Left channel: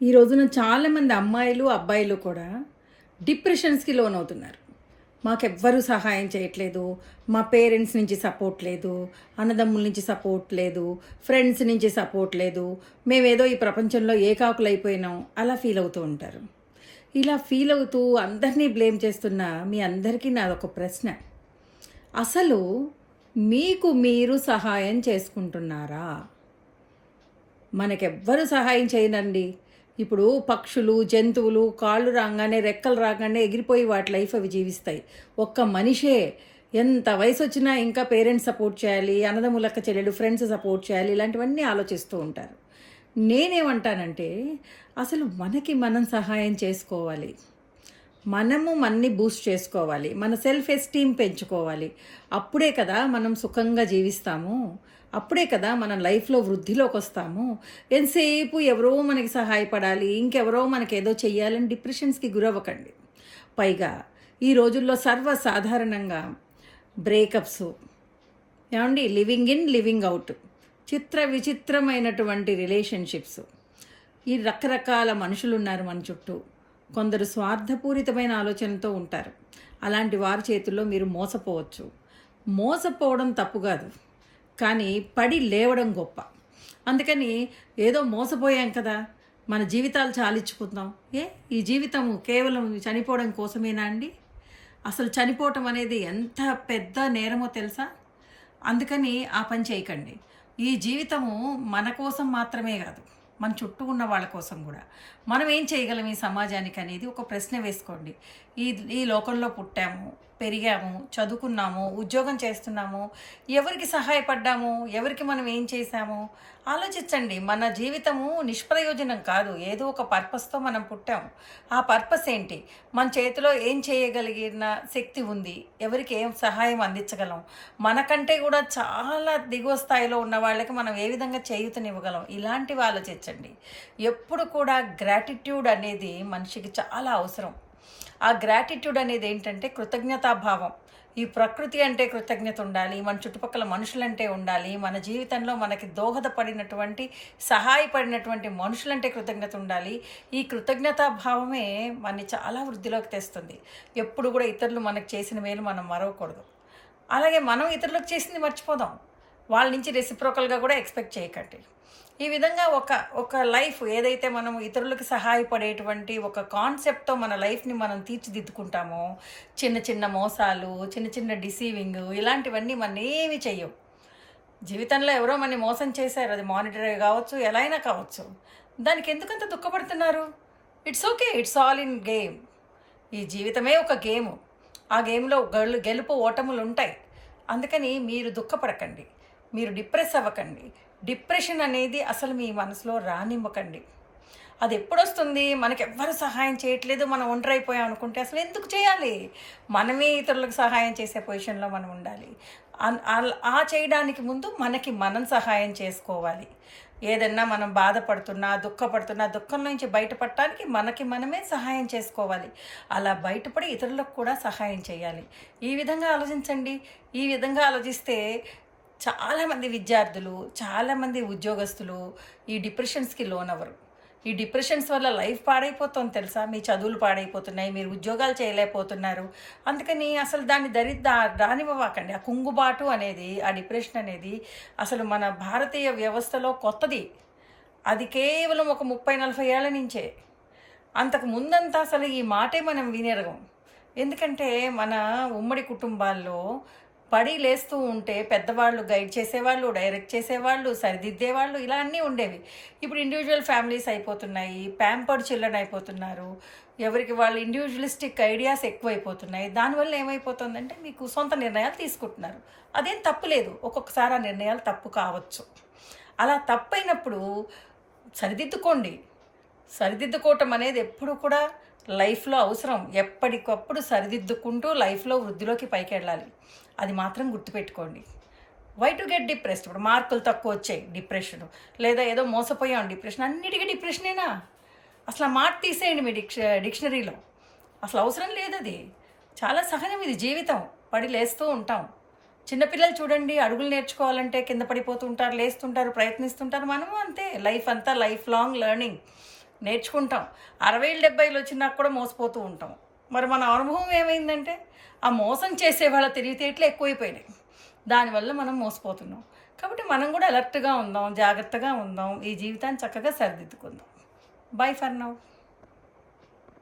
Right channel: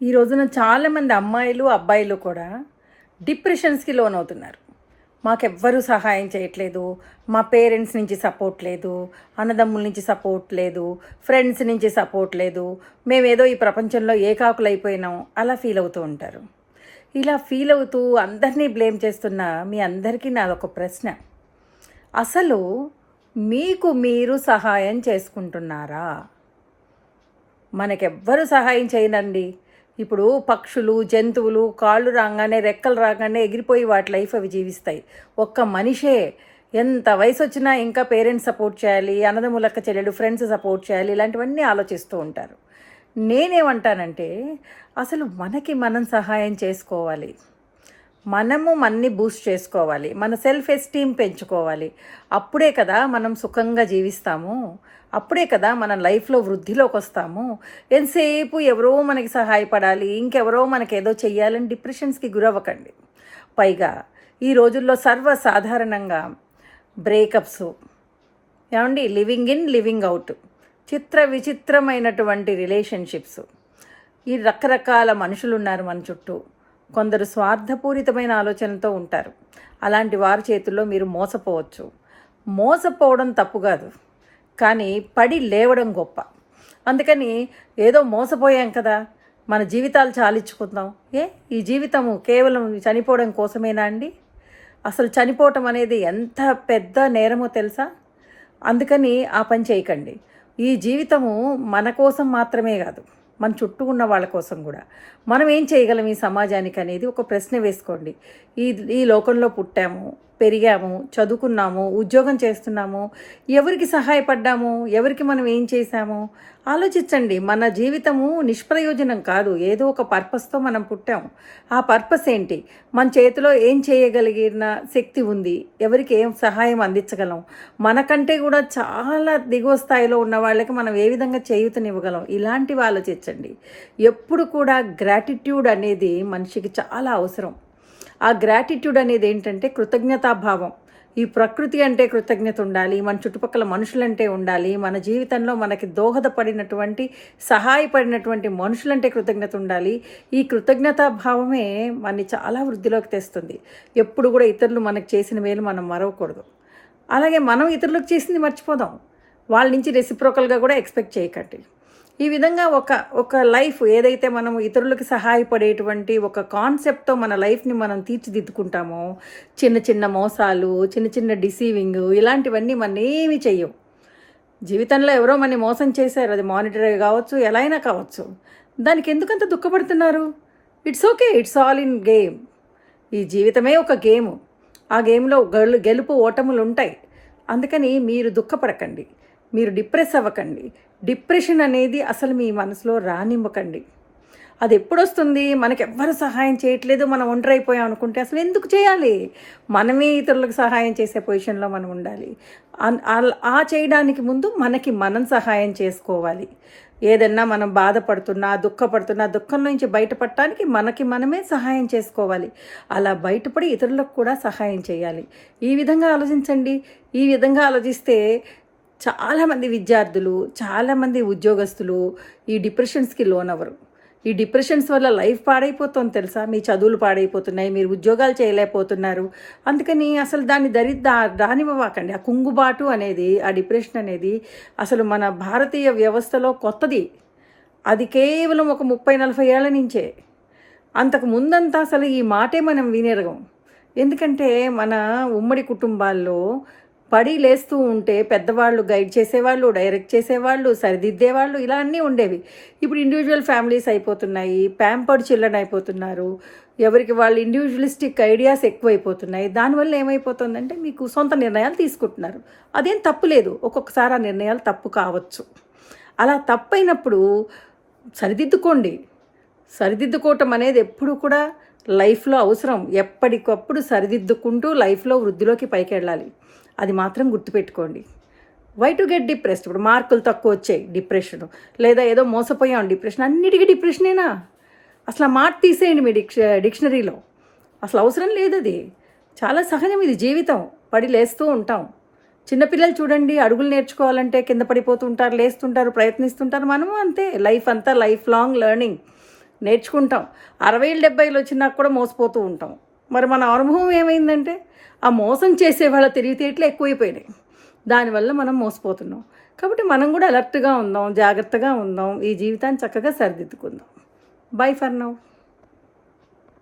ఈ రోజున చాలామంది అమ్మాయిలు అబ్బాయిలు కూడా డిప్రెషన్స్కి లోన్ అవుతున్నారు మాకెవ్వరూ సహాయం చేయట్లేదు మా పేరెంట్స్ నుంచి సపోర్ట్ లేదు అన్నదమ్ముల నుంచి సపోర్ట్ లేదు ఫ్రెండ్స్ నుంచి సపోర్ట్ లేదు మేమేదో ఈ ప్రపంచంలో ఏకాకులు అయిపోయినాం అలా ఫీల్ అవుతూ ఉంటారు. ఇలా ఫీల్ అవుతూ అందరినీ బ్లేమ్ చేస్తున్న మీ అందరికీ నాదొక ప్రశ్న. అసలు మీకు మీరు సహాయం చేసుకుంటున్నారా? మనకెవ్వరు సహాయం చేయనండి. ఇప్పుడు పక్షులు జంతువులు కాళ్ళు రాగానే రెక్కలు రాగానే ఎగిరిపోయి వాటి లైఫ్ అవి జీవిస్తాయి. ఒక్క మనిషే ఎంత వయసు వచ్చినా ఇంకా పేరెంట్స్ సపోర్ట్ చేయాలి అన్నదమ్ములక్క చెల్లెలు ఫ్రెండ్స్ సపోర్ట్ చేయాలి ఇలాంటివన్నీ ఆలోచిస్తూ ఉంటారు. నేనేమంటానంటే అసలు మనకి మనం సహాయం చేసుకోవాలి. మనము మన్ని బూస్ట్ చేసుకోవాలి. మన సెల్ఫ్ ఎస్టీమ్ పెంచుకోవాలి. అప్పుడే కదా మనం సుఖంగా జీవిస్తాము. అప్పుడే కదా మన లైఫ్లో వృద్ధిలోకి వస్తాము. ఎంతసేపు ఎవరో మనకి సహాయపడాలి ఇంకెవరో మనకి ఏదో చెయ్యాలని డిప్రెషన్స్కి గురవ్వకండి. పైగా ఈ రోజుల్లో సర్వసాధారణంగా బ్రేకప్స్ ఏమండి? లివింగ్ ఇన్ లివింగ్ అవుట్ చిత్ర విచిత్రమైనటువంటి రిలేషన్షిప్స్. ఈ రకరకాల మనుషులు ఉన్నారు మన చుట్టూ. కొందరు స్వార్థపూరితమైన ఆలోచనతో ఉంటారు. అలాంటి వారి చేతుల్లో మీరు మోసపోవచ్చు. మోసపోవడం తప్పు కాదు. కానీ పడి లేవడం గొప్ప. అందుకని ఏదో మోసపోయాం కదా మన జీవితాలు చాలించుకుందాం. ఏ? ఈ జీవితము కేవలం చనిపోవడం కోసమేనా అండి? అసలు చనిపోవటం అనేది ఎంత పెద్ద నేరమో తెలుసా? అందుకని ఆ పని చేయకండి. ఈ జీవితము మన కోసం మాత్రమే కాదు మన చుట్టూ ఉన్న వాళ్ళ కోసం కూడా. మనం ఏం చేయగలం ఈ సమాజానికి అనేది ఒక ప్రశ్న వేసుకోండి. ఈ ఈ లోకంలో పుట్టాము పెరిగాము చదువుకున్నాము ఉద్యోగం చేస్తున్నాము ఎవరికి సహాయపడ్డాము ఎవరికి మనం ఏం చేశాము? ఆలోచించండి మన జీవితము నిష్ప్రయోజనం కాదు ఏదో ఒక పర్పస్తో మనం పుట్టాము ఆ పర్పస్ ఏంటి? మన చేతిలో ఏం చేయగలిగిన శక్తి ఉంది ఎవరికి ఏం సహాయం అందించగలం? మనకంటే కూడా చాలా దిగువ స్థాయిలో ఉన్న వాళ్ళకి మనం ఏ విధంగా చేయూతనివ్వగలం? ఇలాంటివి ఆలోచించండి. ఎప్పుడు కూడా గ్రాటిట్యూడ్ అనేది మనిషికి చాలా అవసరం. ఆ గ్రాటిట్యూడ్ అనేది ఏంటంటే కృతజ్ఞతాభావం. ఈ ప్రకృతి అంటే కృతజ్ఞత ఉండాలి మన చుట్టుపక్కల మనుషులంటే ఉండాలి మన జీవితంలో మనకి దోహదపడినటువంటి సహాయపడినటువంటి మనుషులంటే కృతజ్ఞత ఉండాలి. ఈ కృతజ్ఞతాభావమే మనని చాలా వృద్ధిలోకి తెస్తుంది. ఎప్పుడు కూడా ఇతరులు మనకు చేసిన మేలు మనం మరవకూడదు. అలాగే మనం ఇతరులకు చేసింది మర్చిపోదాం. వాళ్ళ నుంచి రెసిప్రోకల్గా కూడా ఎక్స్పెక్ట్ చేయకండి. ఈ విధంగా ఒక ఒక లైఫ్ ఏదైతే మనం ఇతరులకు సహాయపడేటువంటి ఒక కాన్సెప్ట్తో మన లైఫ్ని మనం తీర్చిదిద్దుకుంటామో చిన్న చిన్న మోసాలు చిన్న చిన్న డిసీవింగ్ ఇలాంటివన్నీ మన ఏమి చెయ్యవు. జీవితంలో ఎవరో మన మోసం చేశారు అది మానిటరీ కావచ్చు ఎలా అయినా కావచ్చు. దానికి ఎందుకంత దుఃఖపడుతున్నారు? It's okay it's all in game. ఈ జీవితమే ఒక గేమ్. ఆ గేమ్లో గెలుపు ఓటములు ఉంటాయి. అందుకని మీరు దుఃఖపడకండి. మీరు డిప్రెస్ అవ్వకండి. డిప్రెషన్ అనేది అసలు మీ మనసులో రానివ్వకండి. అది ఎప్పుడు వస్తుంది మనకి ఎవ్వరు సహాయం చేయట్లేదు మనం ఒంటరైపోయాం అనుకుంటే అసలు ఎందుకు చేయాలి? మనమే ఇతరులకు సహాయం చేసే పొజిషన్లో మనం ఉండాలి. అన్- ఆ చేయడానికి ముందు మనకి మనం సహాయం చేసుకోవాలి. ఏదన్నా మనం బాధపడుతున్నా దుఃఖపడుతున్నా దుఃఖం నుంచి బయటపడటానికి మనకి మనమే సహాయం చేసుకోవాలి. అలా బయటపడి ఇతరులకు కూడా సహాయం చేయాలి. ఈ విధంగా ఆలోచించండి. ఈ విధంగా ఆలోచిస్తే చాలామంది విద్యార్థులు చాలామంది ఉద్యోగస్తులు ఈ డిప్రెషన్స్కి లోనవ్వరు. ఈ డిప్రెషన్స్ వల్ల లైఫ్ పాడైపోతుంది తెలుసా? మీ చదువులు పాడైపోతున్నాయి మీరు ఉద్యోగాలు చేయలేకపోతున్నారు. అందుకని అసలు దాన్ని దరి దా రానివ్వకండి ఆ కుంగుబాటు అనేది ఆ డిప్రెషన్ అనేది అసలు మన భారతీయ వ్యవస్థలో కొత్తది. అది కేవలం ఒక ముప్పై నలభై ఏళ్ళ నుంచే. అంతకు ముందంతా అసలు ఈ మాటే మనం వినేరగం. ఎందుకంటే మన ఉమ్మడి కుటుంబాల్లో పడి లేస్తూ ఉంటే పెద్దవాళ్ళు గైడ్ చేసేవాళ్ళు డైరెక్ట్ చేసేవాళ్ళు సరిదిద్దేవాళ్ళు ఇలా అన్నీ ఉండేవి. ఇప్పుడు ఇండివిజువల్ ఫ్యామిలీస్ అయిపోతున్నాయి ప్యాంపర్డ్ చిల్డ్రన్ అయిపోతున్నారు ఎవరికి వాళ్ళు ఇండివిజువలిస్టిక్ ఐడియాస్ ఎక్కువైపోతున్నాయి. దానివల్ల ఏమైపోతుందంటే మీకు సొంత నిర్ణయాలు తీసుకుంటున్నారు. అదేం తప్పు లేదు ఒక్కొక్కసారి ఆ నిర్ణయాలు తప్పు కావచ్చు. అలా తప్పైనప్పుడు సరిదిద్దుకోండి. సరిదిద్దుకోవటం అనేది ఎప్పుడు కూడా లైఫ్లో అవసరం. ఎప్పటికప్పుడు సరిదిద్దుకుంటూ లైఫ్లో వృద్ధిలోకి పైకి వెళ్ళాలి అది మాత్రం గుర్తుపెట్టుకోండి. వై టు గెట్ డిప్రెస్డ్ ఇప్పుడు మార్కులు తక్కువ వచ్చాయి. డిప్రెషన్. లేదా ఏదో మోసపోయాం. డిప్రెషన్. అన్నిటికీ డిప్రెషనేనా? అసలు ఆ మాట తీసేయండి మీ డిక్ష డిక్షనరీలో. అసలు అవసరం లేదు అది చాలా సహజం ఇది జీవితం. పడి లేస్తూ ఉంటాం. చిన్నపిల్లలు చూడండి అడుగులు నేర్చుకోవాలంటే కింద పడిపోతుంటారు లేస్తుంటారు ప్రయత్నిస్తుంటారు మనము అంతే. లైఫ్ అంతా లైఫ్ లాంగ్ లెర్నింగ్ నేర్చుకుంటాం. అరవైలు డెబ్బైలు వచ్చినా కూడా మోసపోతూ ఉంటాం. మరి మన అనుభవం ఏమైందంటే ఆ మోసం చేసే వాళ్ళ తెలివితేటలు ఎక్కువైపోయినాయి. దానివల్ల మనం మోసపోతున్నాం. కాబట్టి మనం కూడా అలర్ట్గా ఉందాం జాగ్రత్తగా ఉందాం ఈ జీవితాన్ని చక్కగా సరిదిద్దుకుందాం. By for now